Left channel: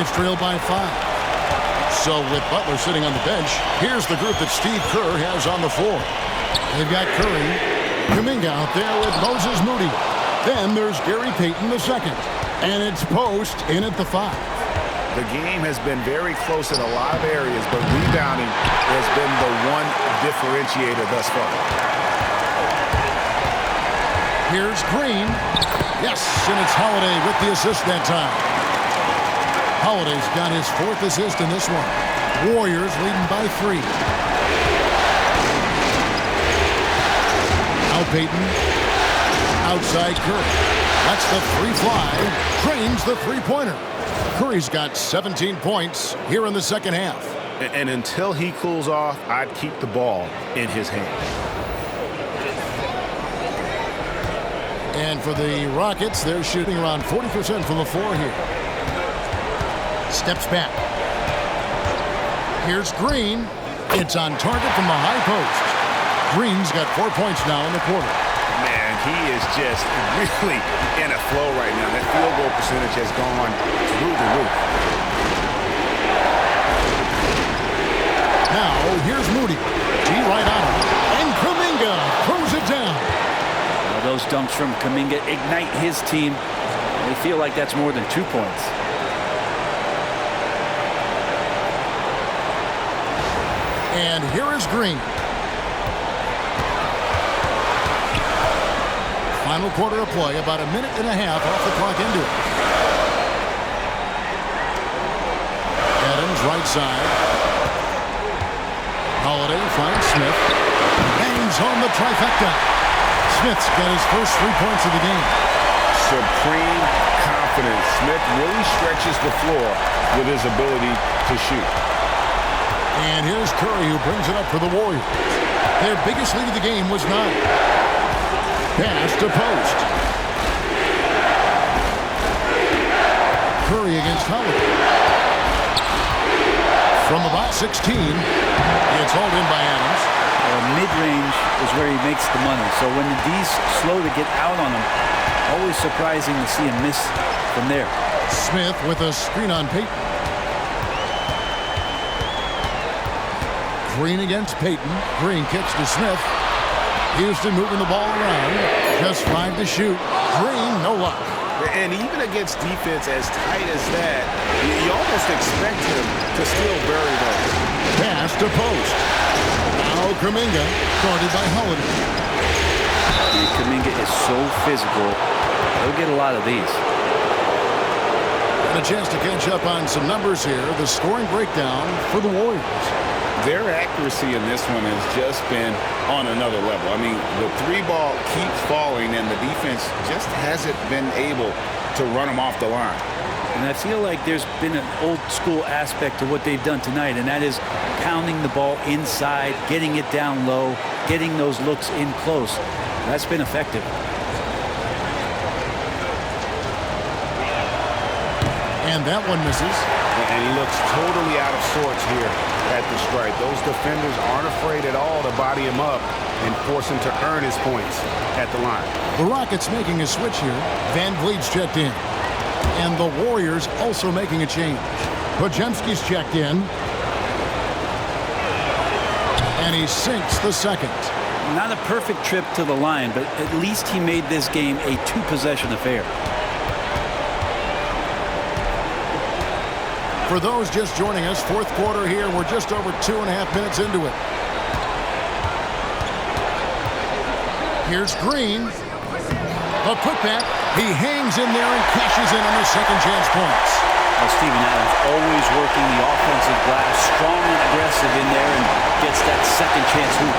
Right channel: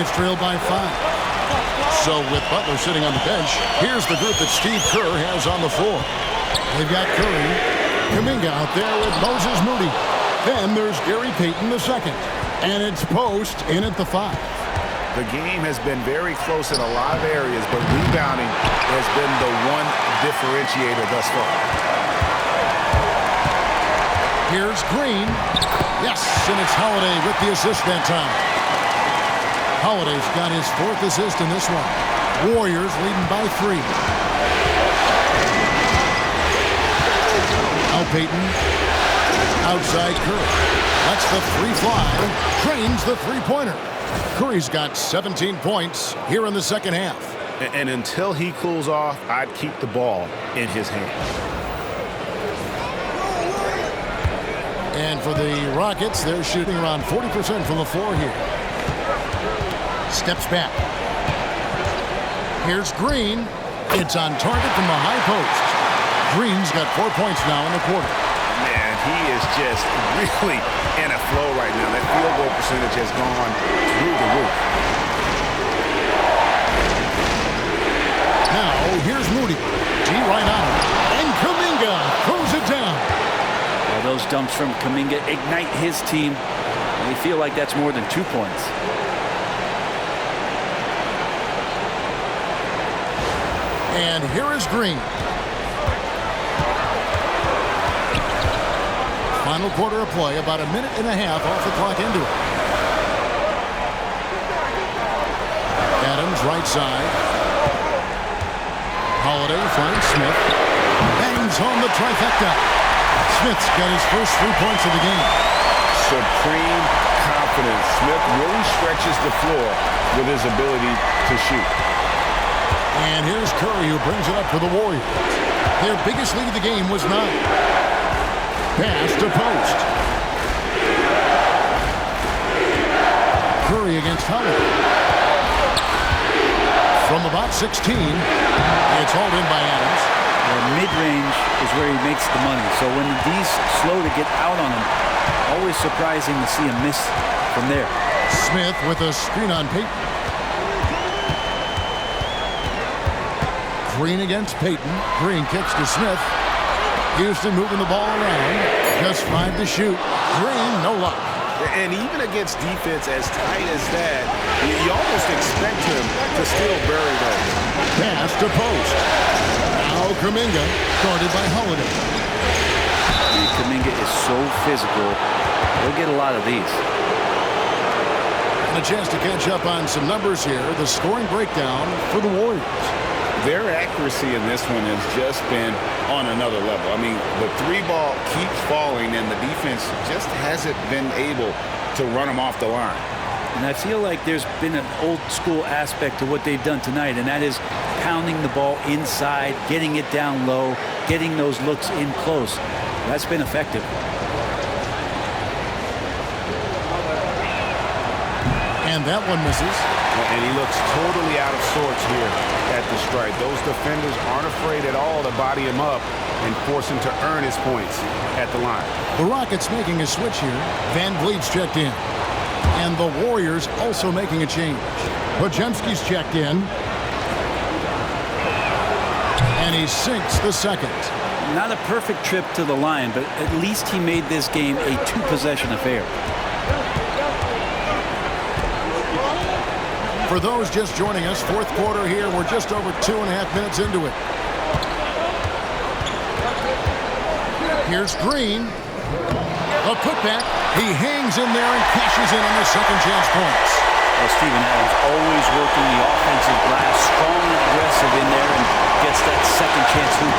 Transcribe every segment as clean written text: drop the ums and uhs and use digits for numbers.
Rockets trail by 5. So with Butler sitting on the bench, here's the group that Steve Kerr has on the floor. They've got Curry, Kuminga out there with Moses Moody. Then there's Gary Payton II. And it's Post in at the 5. The game has been very close in a lot of areas, but rebounding has been the one differentiator thus far. Here's Green. Yes, and it's Holiday with the assist that time. Holiday's got his 4th assist in this one. Warriors leading by 3. Now Payton. Outside Curry. Lets the 3 fly. Drains the 3-pointer. Curry's got 17 points here in the second half. And until he cools off, I'd keep the ball in his hand. And for the Rockets, they're shooting around 40% from the floor here. Steps back. Here's Green. It's on target from the high post. Green's got 4 points now in the quarter. Man, he is just really in a flow right now. That field goal percentage has gone through the roof. Now, here's Moody. G right on him. And Kuminga throws it down. Well, those dunks from Kuminga ignite his team. They feel like that's more than 2 points. And here is Green. Final quarter of play, about a minute and a half off the clock into it. Adams right side. Holiday finds Smith. Bangs home the trifecta. Smith's got his first 3 points of the game. Supreme confidence. Smith really stretches the floor with his ability to shoot. And here's Curry, who brings it up for the Warriors. Their biggest lead of the game was 9. Pass to Post. Curry against Holiday. From about 16, it's hauled in by Adams. Well, mid-range is where he makes the money. So when the D's slow to get out on him, always surprising to see him miss from there. Smith with a screen on Payton. Green against Payton. Green kicks to Smith. Houston moving the ball around. Just 5 to shoot. Green, no luck. And even against defense as tight as that, you almost expect him to still bury those. Pass to Post. Now Kuminga, guarded by Holiday. Kuminga is so physical. He'll get a lot of these. And a chance to catch up on some numbers here. The scoring breakdown for the Warriors. Their accuracy in this one has just been on another level. I mean, the 3 ball keeps falling, and the defense just hasn't been able to run them off the line. And I feel like there's been an old school aspect to what they've done tonight, and that is pounding the ball inside, getting it down low, getting those looks in close. That's been effective. And that one misses. And he looks totally out of sorts here at the stripe. Those defenders aren't afraid at all to body him up and force him to earn his points at the line. The Rockets making a switch here. Van Vleet's checked in. And the Warriors also making a change. Podziemski's checked in. And he sinks the second. Not a perfect trip to the line, but at least he made this game a 2-possession affair. For those just joining us, 4th quarter here. We're just over 2.5 minutes into it. Here's Green. A putback. He hangs in there and cashes in on the second chance points. Well, Steven Adams always working the offensive glass, strong and aggressive in there, and gets that second chance hoop.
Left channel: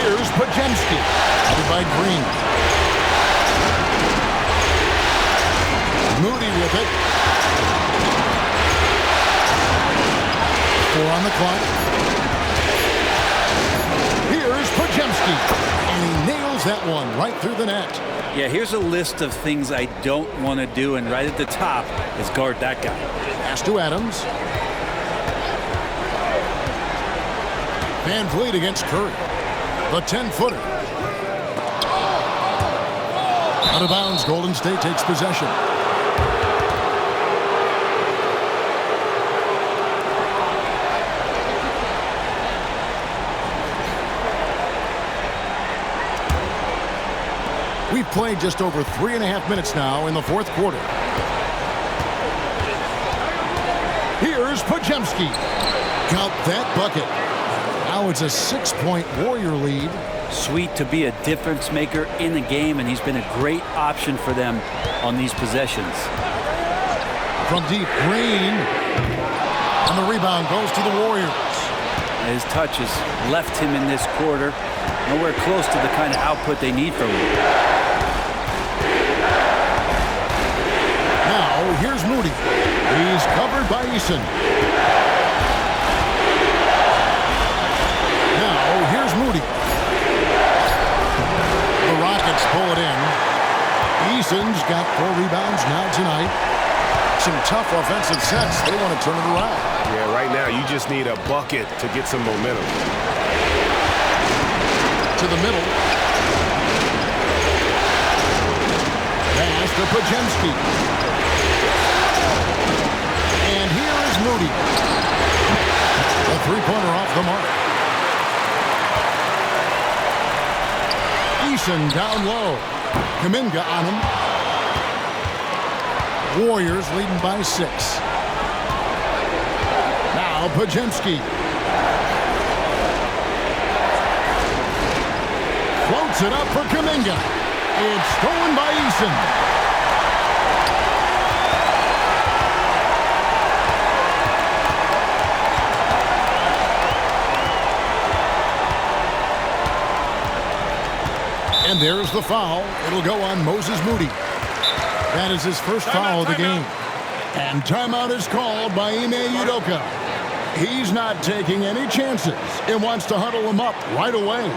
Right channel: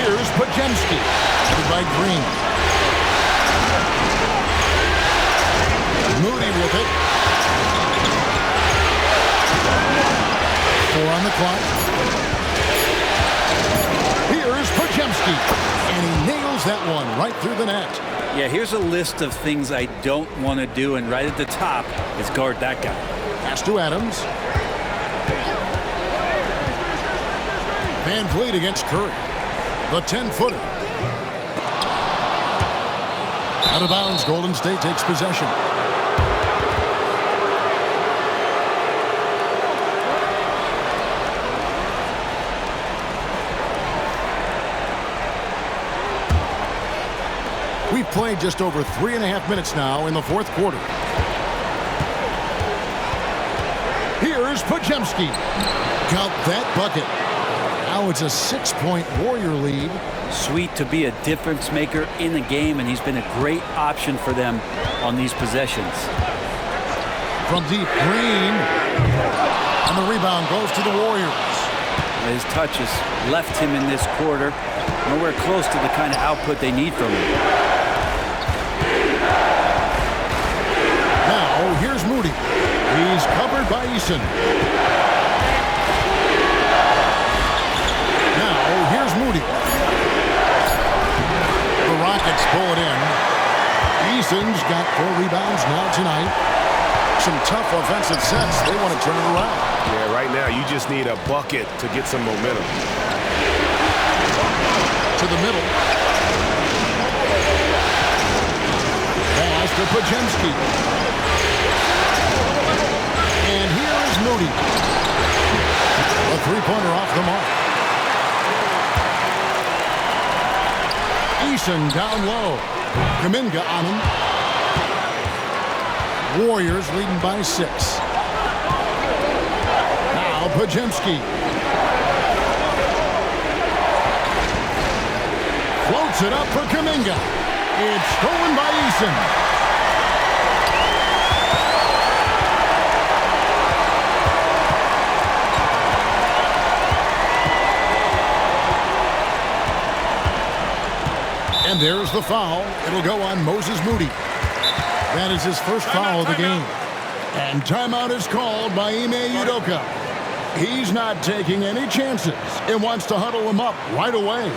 Here's Podziemski, covered by Green. Moody with it. 4 on the clock. Here's Podziemski, and he nails that one right through the net. Yeah, here's a list of things I don't want to do, and right at the top is guard that guy. Pass to Adams. Van Vleet against Curry. The 10-footer. Out of bounds, Golden State takes possession. We've played just over 3.5 minutes now in the fourth quarter. Here's Podziemski. Count that bucket. Now it's a 6-point Warrior lead. Sweet to be a difference maker in the game, and he's been a great option for them on these possessions. From deep, Green. And the rebound goes to the Warriors. His touch has left him in this quarter. Nowhere close to the kind of output they need from him. Now, here's Moody. He's covered by Eason. Now, here's Moody. The Rockets pull it in. Eason's got 4 rebounds now tonight. Some tough offensive sets. They want to turn it around. Yeah, right now you just need a bucket to get some momentum. To the middle. Pass to Podziemski. And here is Moody. A three-pointer off the mark. Eason down low. Kuminga on him. Warriors leading by 6. Now Podziemski. Floats it up for Kuminga. It's stolen by Eason. And there's the foul. It'll go on Moses Moody. That is his first foul of the game. And timeout is called by Ime Udoka. He's not taking any chances and wants to huddle him up right away.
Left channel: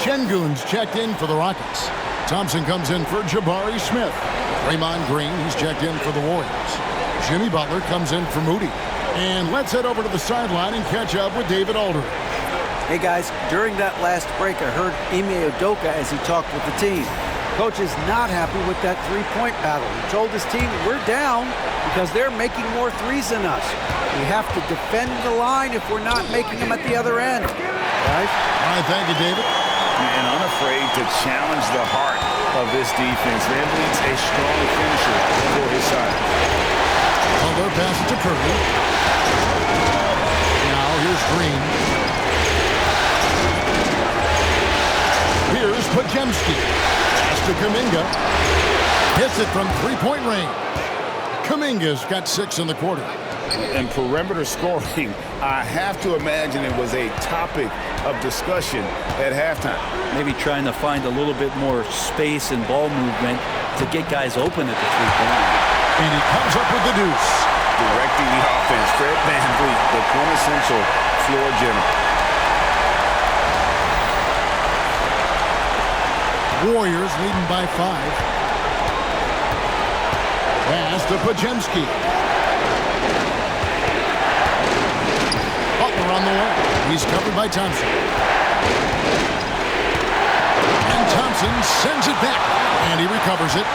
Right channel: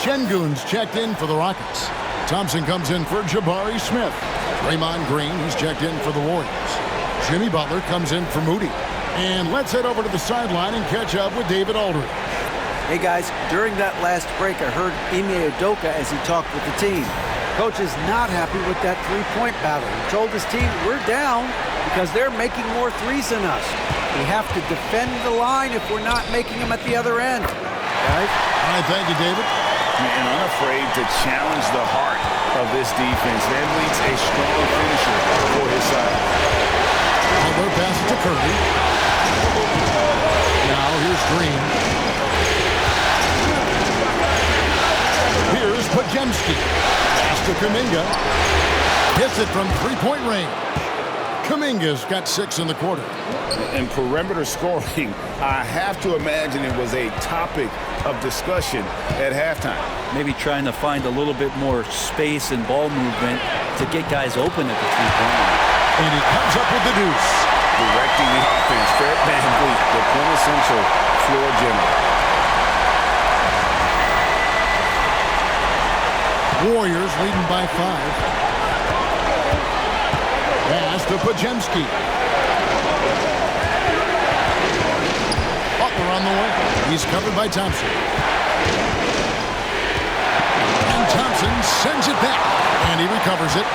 Şengün's checked in for the Rockets. Thompson comes in for Jabari Smith. Draymond Green, he's checked in for the Warriors. Jimmy Butler comes in for Moody. And let's head over to the sideline and catch up with David Aldridge. Hey guys, during that last break, I heard Ime Udoka as he talked with the team. Coach is not happy with that three-point battle. He told his team, we're down because they're making more threes than us. We have to defend the line if we're not making them at the other end. Guys? All right, thank you, David. And unafraid to challenge the heart of this defense. Van Vleet's a strong finisher for his side. Butler passes to Curry. Now here's Green. Here's Podziemski. Pass to Kuminga. Hits it from three-point range. Kuminga's got 6 in the quarter. And perimeter scoring, I have to imagine it was a topic of discussion at halftime. Maybe trying to find a little bit more space and ball movement to get guys open at the three-point line. And he comes up with the deuce. Directing the offense, Fred Van Vleet, the quintessential floor general. Warriors leading by 5. Pass to Pajemski. Butler on the way. He's covered by Thompson. And Thompson sends it back. And he recovers it.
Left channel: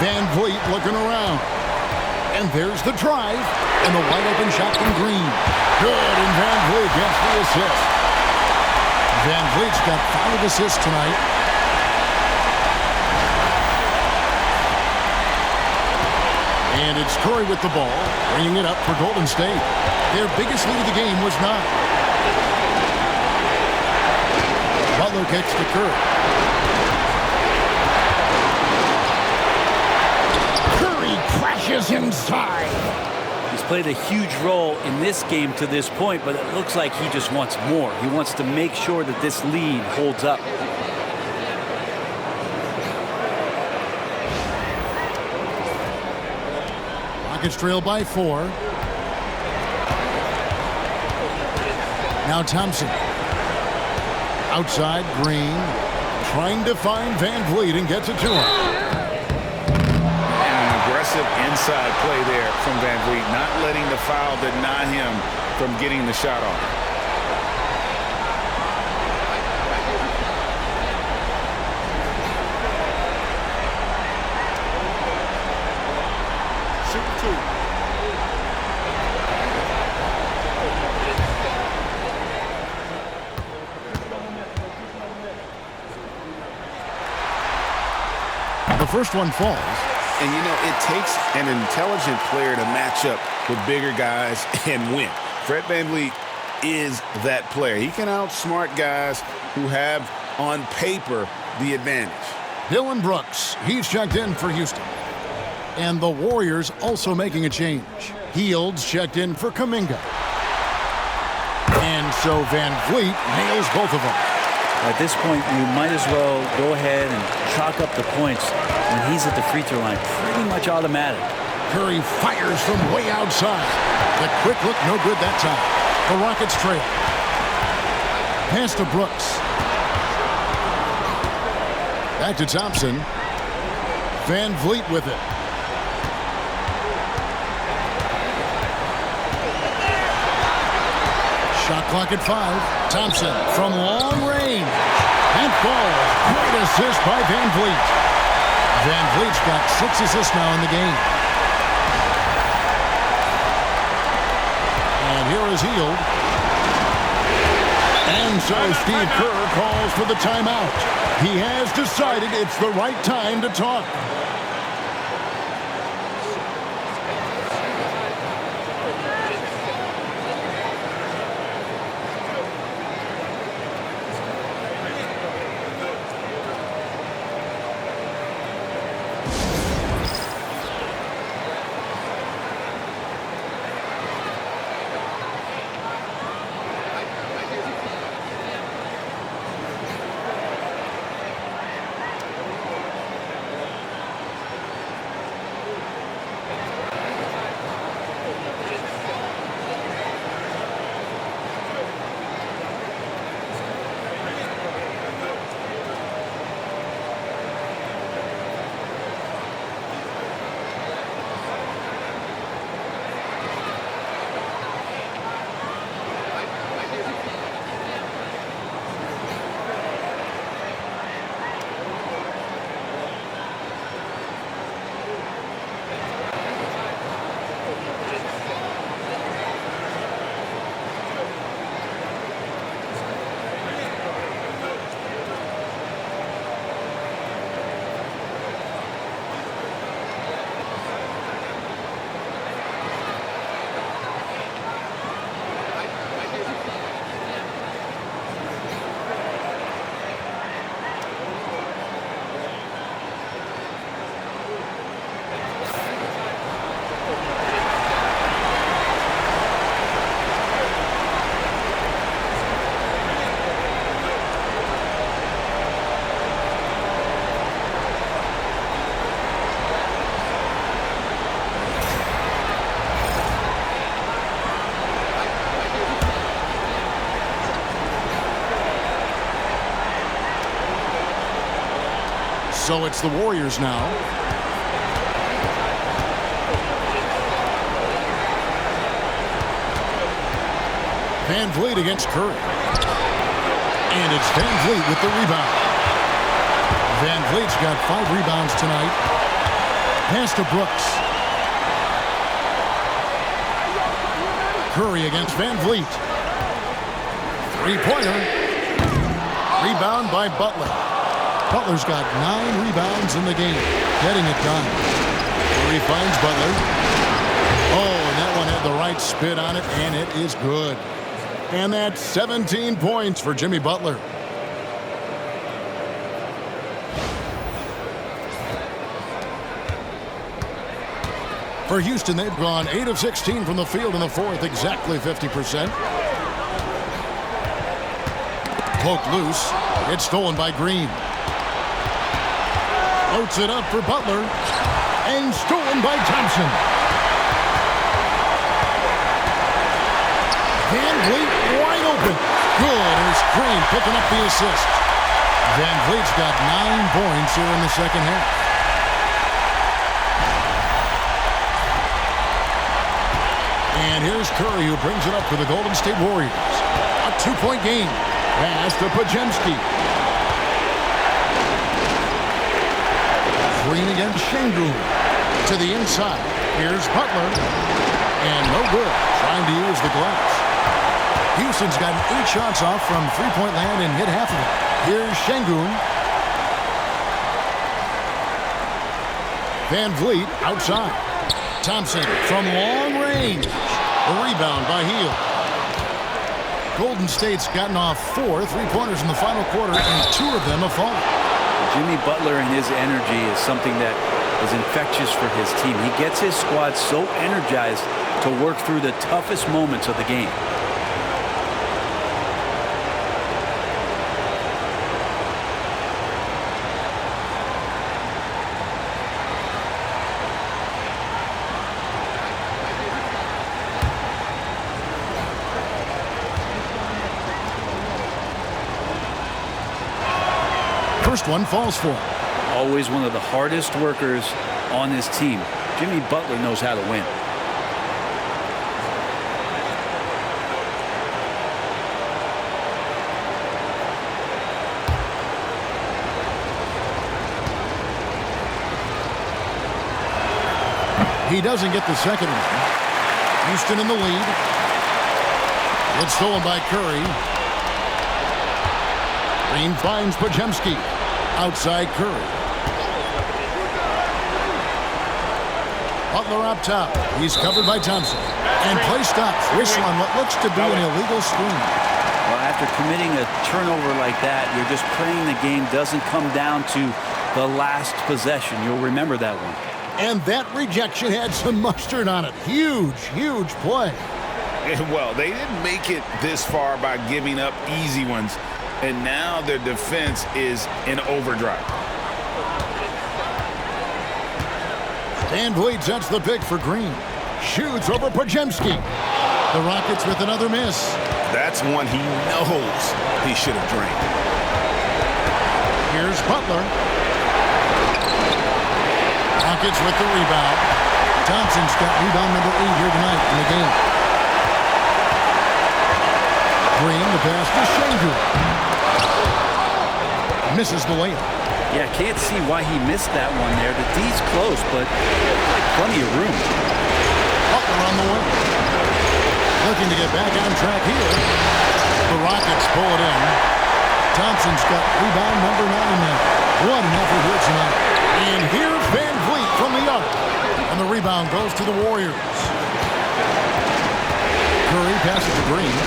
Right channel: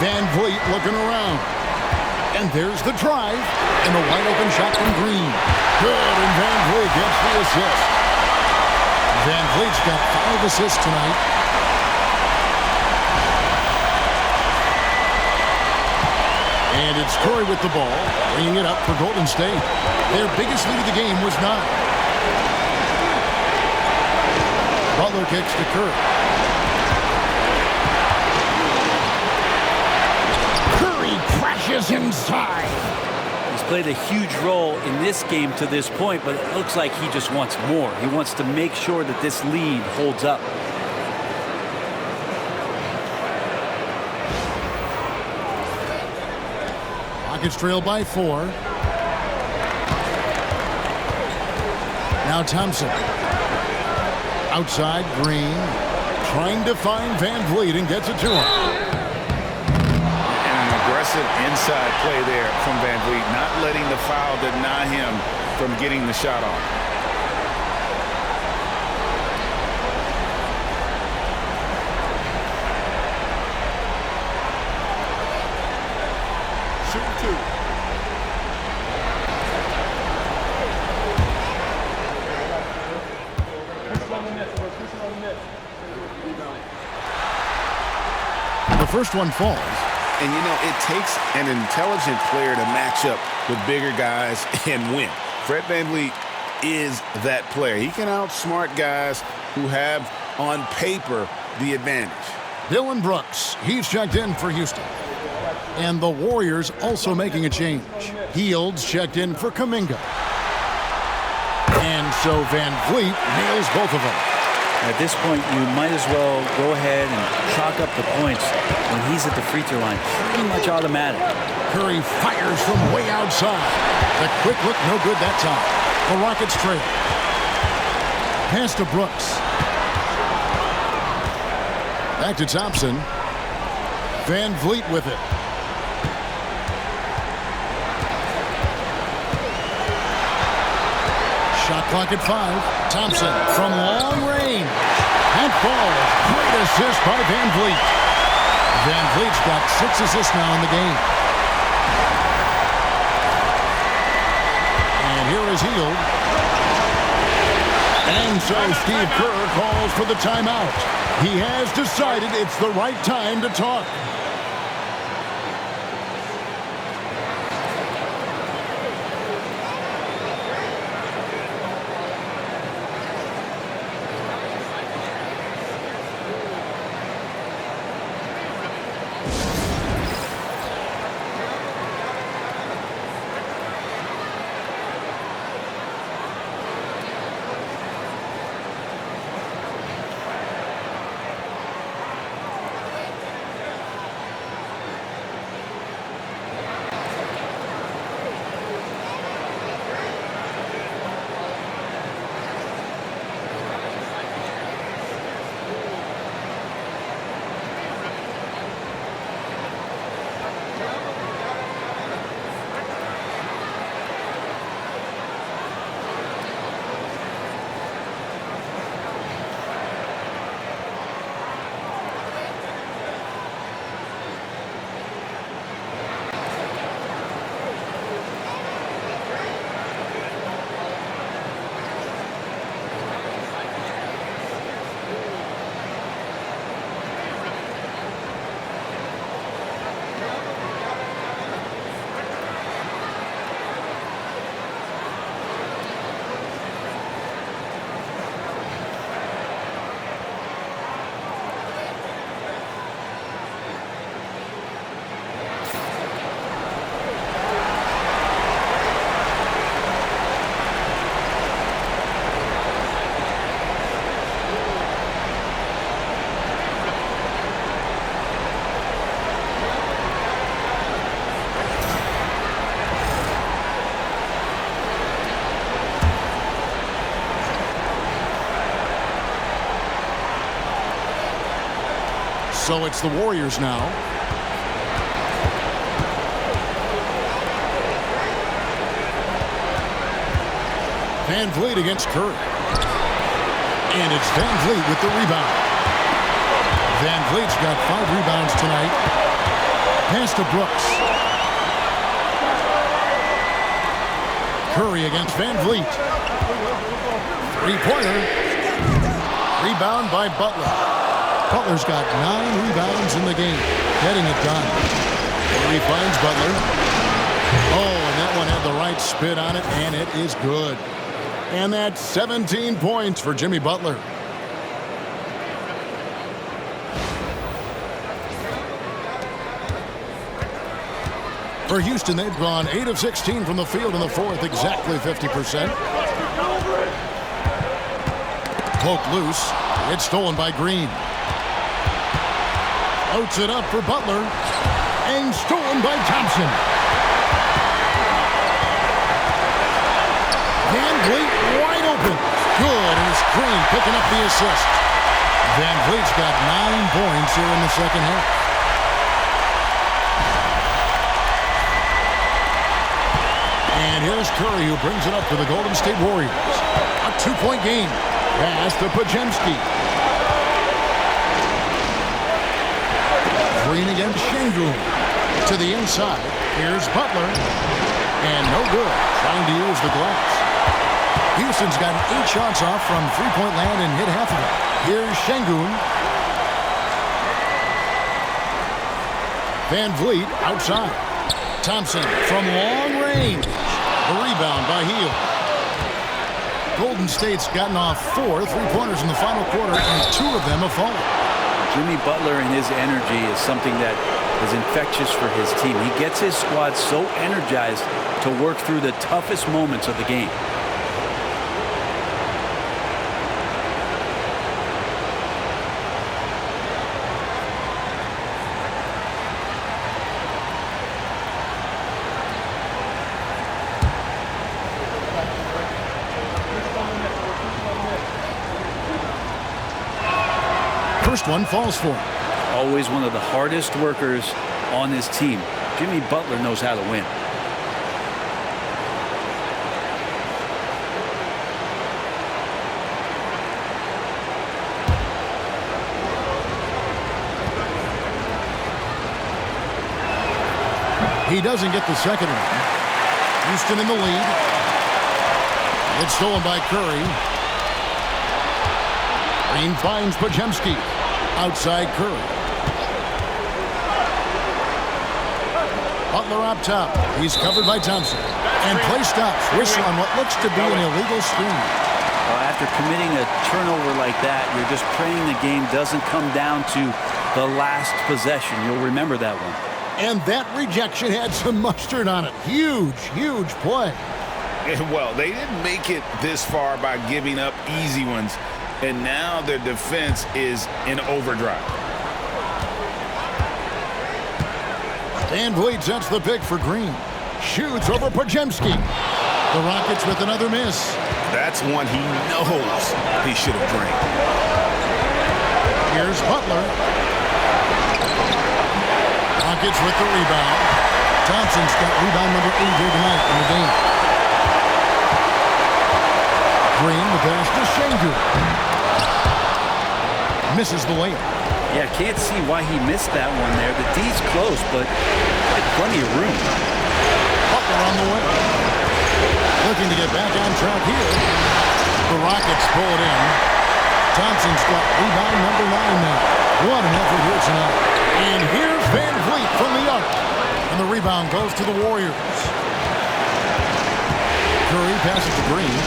Van Vleet looking around. And there's the drive. And the wide open shot from Green. Good, and Van Vleet gets the assist. Van Vleet's got 5 assists tonight. And it's Curry with the ball, bringing it up for Golden State. Their biggest lead of the game was 9. Butler kicks to Curry. Curry crashes inside. He's played a huge role in this game to this point, but it looks like he just wants more. He wants to make sure that this lead holds up. Rockets trail by 4. Now Thompson. Outside, Green. Trying to find Van Vleet and gets it to him. And an aggressive inside play there from Van Vleet, not letting the foul deny him from getting the shot off. Shooting 2. The first one falls. And, you know, it takes an intelligent player to match up with bigger guys and win. Fred VanVleet is that player. He can outsmart guys who have, on paper, the advantage. Dylan Brooks, he's checked in for Houston. And the Warriors also making a change. Fields checked in for Kuminga. And so Van Vleet nails both of them. At this point, you might as well go ahead and chalk up the points when he's at the free throw line. Pretty much automatic. Curry fires from way outside. The quick look, no good that time. The Rockets trail. Pass to Brooks. Back to Thompson. Van Vleet with it. Shot clock at 5. Thompson from long range. And falls. Great assist by Van Vleet. Van Vleet's got 6 assists now in the game. And here is Hield. And so Steve Kerr calls for the timeout. He has decided it's the right time to talk. So it's the Warriors now. Van Vleet against Curry. And it's Van Vleet with the rebound. Van Vleet's got 5 rebounds tonight. Pass to Brooks. Curry against Van Vleet. Three-pointer. Rebound by Butler. Butler's got 9 rebounds in the game. Getting it done. Curry finds Butler. Oh, and that one had the right spin on it, and it is good. And that's 17 points for Jimmy Butler. For Houston, they've gone 8 of 16 from the field in the fourth, exactly 50%. Poked loose. It's stolen by Green. Floats it up for Butler. And stolen by Thompson. Van Vleet wide open. Good, and it's Green picking up the assist. Van Vleet's got 9 points here in the second half. And here's Curry, who brings it up for the Golden State Warriors. A 2-point game. Pass to Podziemski. Green against Şengün. To the inside. Here's Butler. And no good. Trying to use the glass. Houston's gotten 8 shots off from three-point land and hit half of it. Here's Şengün. Van Vleet outside. Thompson from long range. The rebound by Hield. Golden State's gotten off 4 three-pointers in the final quarter, and 2 of them have fallen. Jimmy Butler and his energy is something that is infectious for his team. He gets his squad so energized to work through the toughest moments of the game. First one falls for him. Always one of the hardest workers on this team. Jimmy Butler knows how to win. He doesn't get the second one. Houston in the lead. It's stolen by Curry. Green finds Podziemski. Outside Curry. Butler up top. He's covered by Thompson. And play stops. Whistle on what looks to be an illegal screen. Well, after committing a turnover like that, you're just praying the game doesn't come down to the last possession. You'll remember that one. And that rejection had some mustard on it. Huge, huge play. Well, they didn't make it this far by giving up easy ones. And now their defense is in overdrive. Van Vleet sets the pick for Green. Shoots over Podziemski. The Rockets with another miss. That's one he knows he should have drained. Here's Butler. Rockets with the rebound. Thompson's got rebound number 8 here tonight in the game. Green, the pass to Şengün. Misses the layup. Yeah, can't see why he missed that one there. The D's close, but like plenty of room. Butler on the way. Looking to get back on track here. The Rockets pull it in. Thompson's got rebound number 9 now. What an effort here tonight. And here's Van Vleet from the arc. And the rebound goes to the Warriors. Curry passes to Green.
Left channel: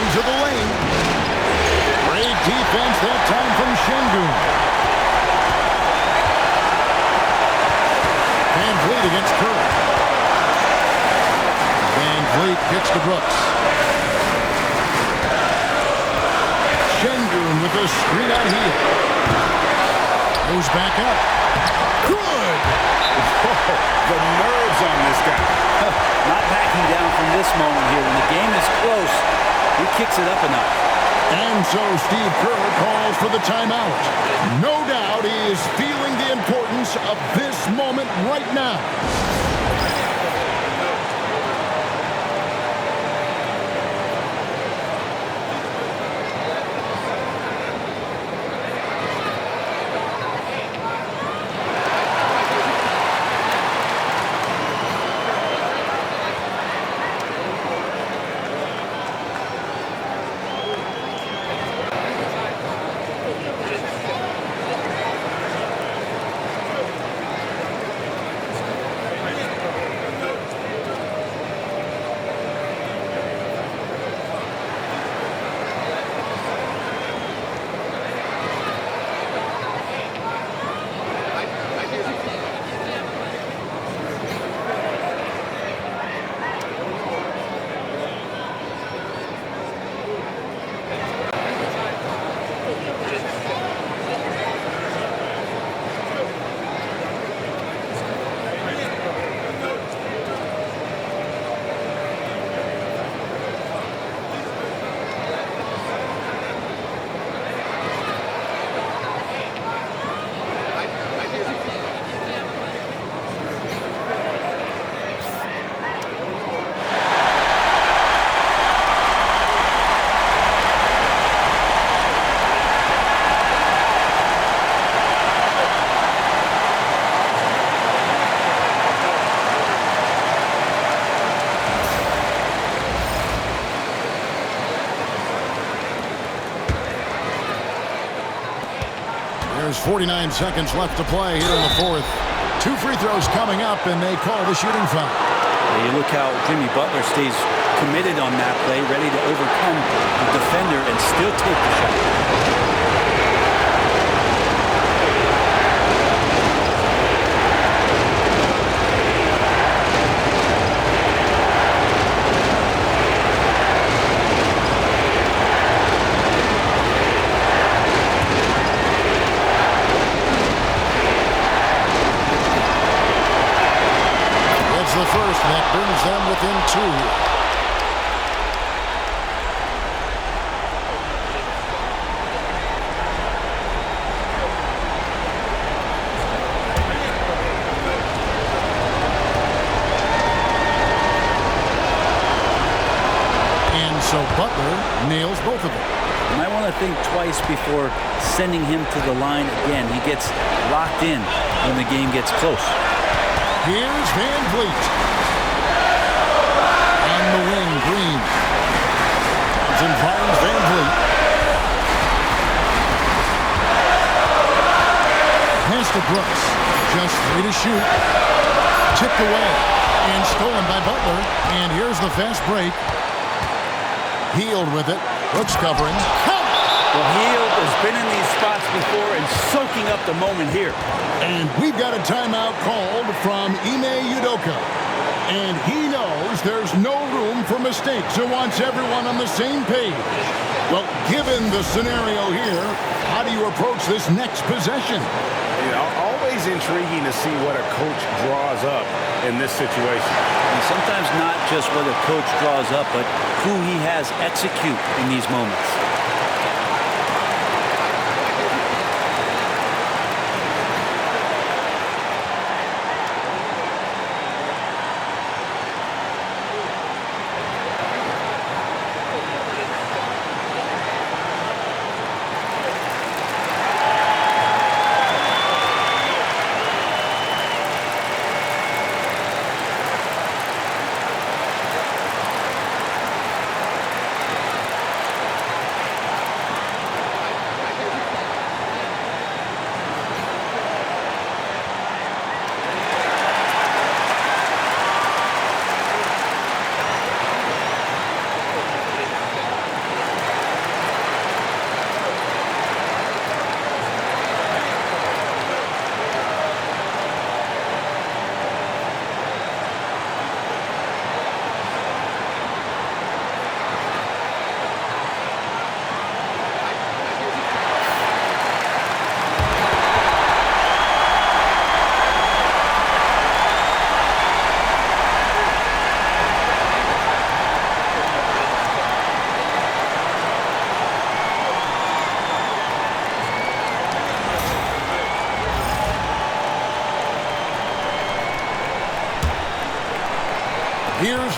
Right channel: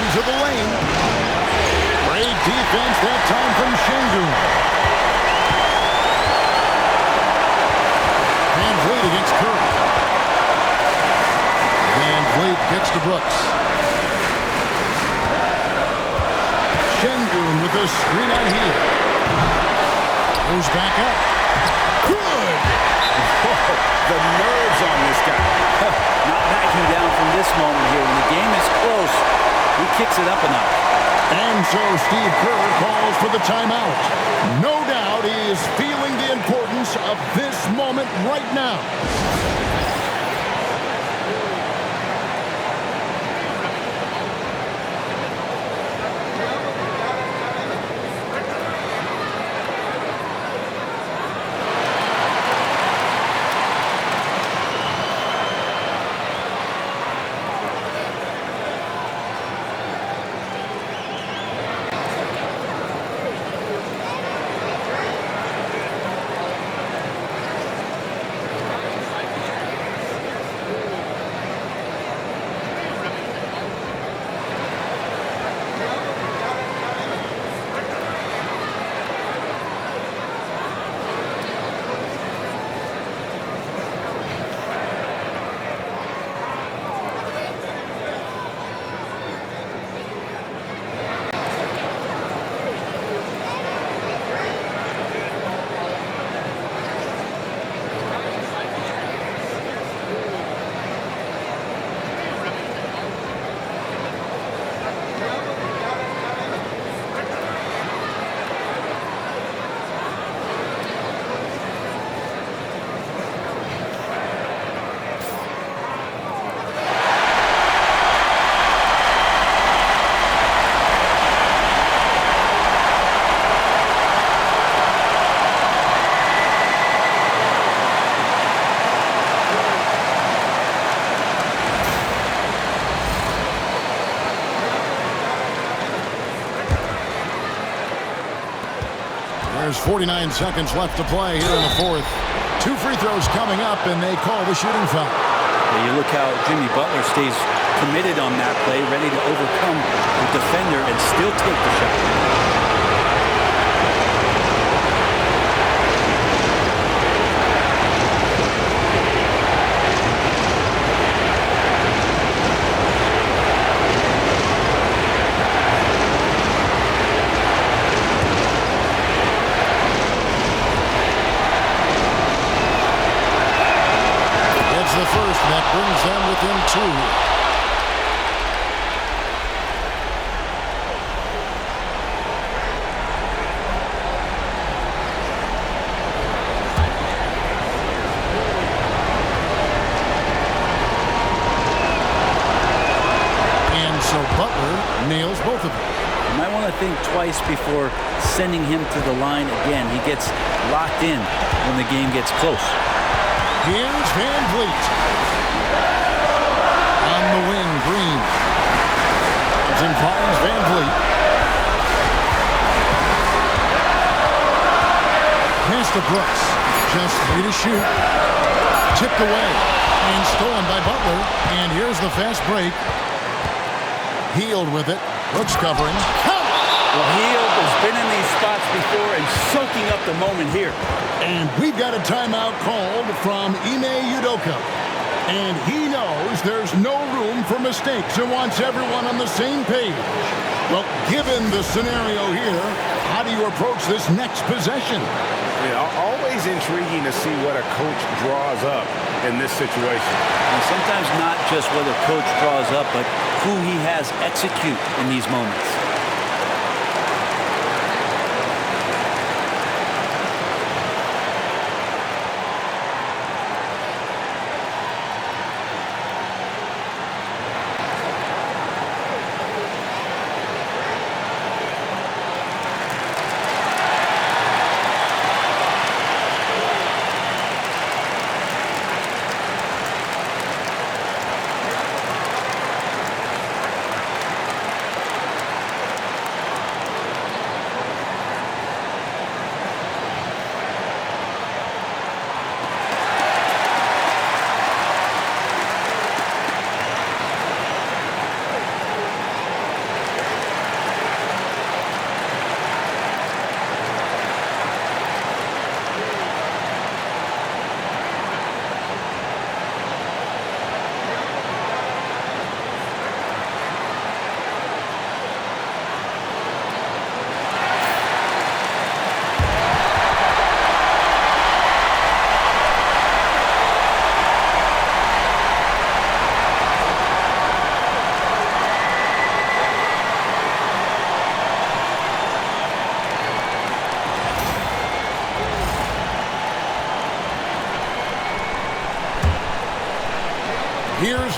Into the lane. Great defense that time from Şengün. Van Vleet against Curry. Van Vleet gets to Brooks. Şengün with a screen on Hield. Goes back up. Good! Whoa, the nerves on this guy. Not backing down from this moment here. When the game is close, he kicks it up a notch. And so Steve Kerr calls for the timeout. No doubt he is feeling the importance of this moment right now. There's 49 seconds left to play here in the fourth. 2 free throws coming up, and they call the shooting foul. Yeah, you look how Jimmy Butler stays committed on that play, ready to overcome the defender and still take the shot. The first, and that brings them within 2. And so Butler nails both of them. You might want to think twice before sending him to the line again. He gets locked in when the game gets close. Here's Van Vleet. On the wing, Green. Thompson finds Van Vleet. Pass to Brooks. Just 3 to shoot. Tipped away. And stolen by Butler. And here's the fast break. Hield with it. Brooks covering. Count! Well, Hield has been in these spots before and soaking up the moment here. And we've got a timeout called from Ime Udoka. And he knows there's no room for mistakes and wants everyone on the same page. Well, given the scenario here, how do you approach this next possession? Yeah, always intriguing to see what a coach draws up in this situation. And sometimes not just what a coach draws up, but who he has execute in these moments.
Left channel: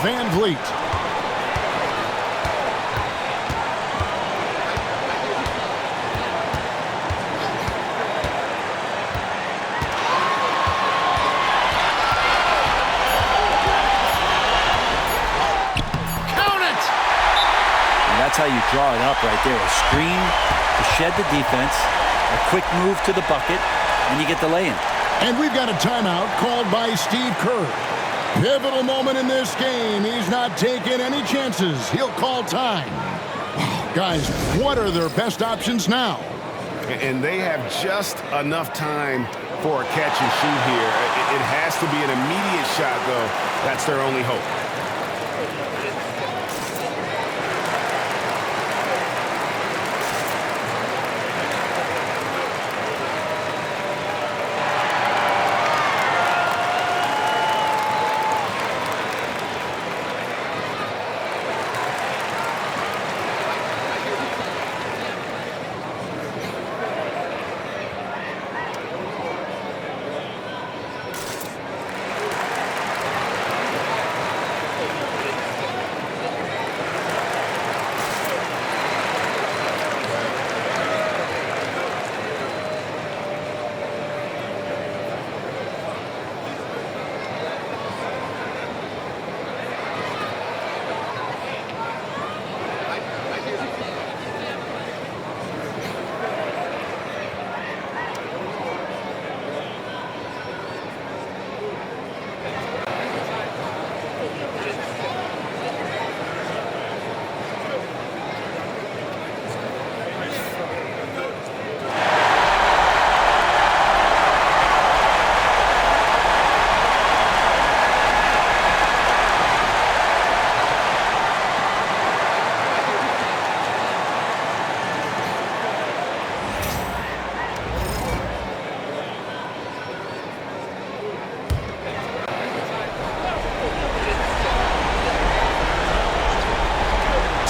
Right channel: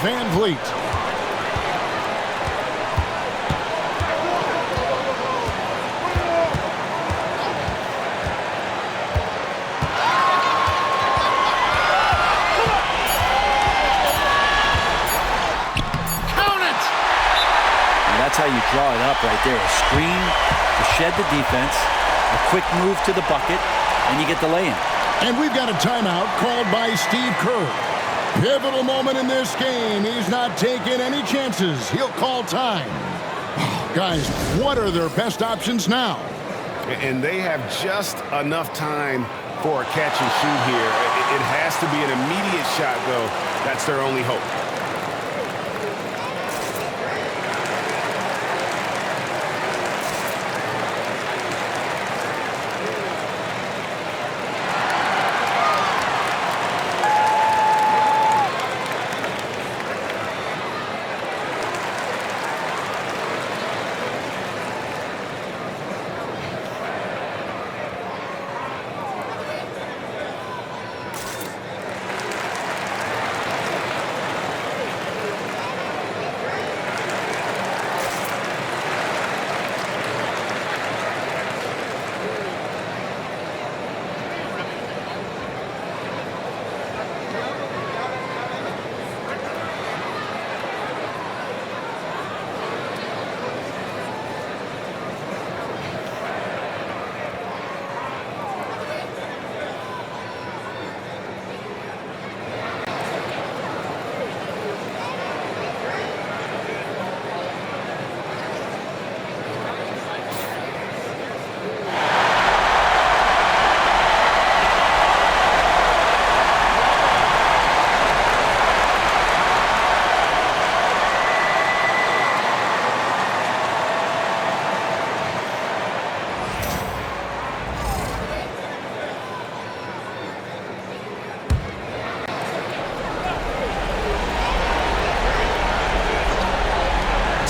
Van Vleet. That's how you draw it up right there. A screen to shed the defense, a quick move to the bucket, and you get the lay-in. And we've got a timeout called by Steve Kerr. Pivotal moment in this game. He's not taking any chances. He'll call time. Guys, what are their best options now? And they have just enough time for a catch and shoot here. It has to be an immediate shot, though. That's their only hope.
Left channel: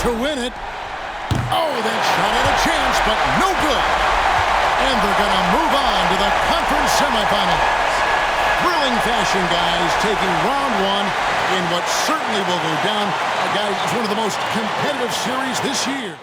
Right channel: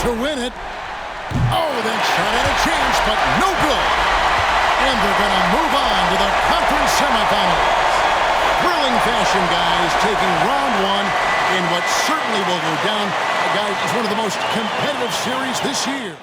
To win it. Oh, that shot had a chance, but no good. And they're going to move on to the conference semifinals. Thrilling fashion, guys, taking round one in what certainly will go down, guys, as one of the most competitive series this year.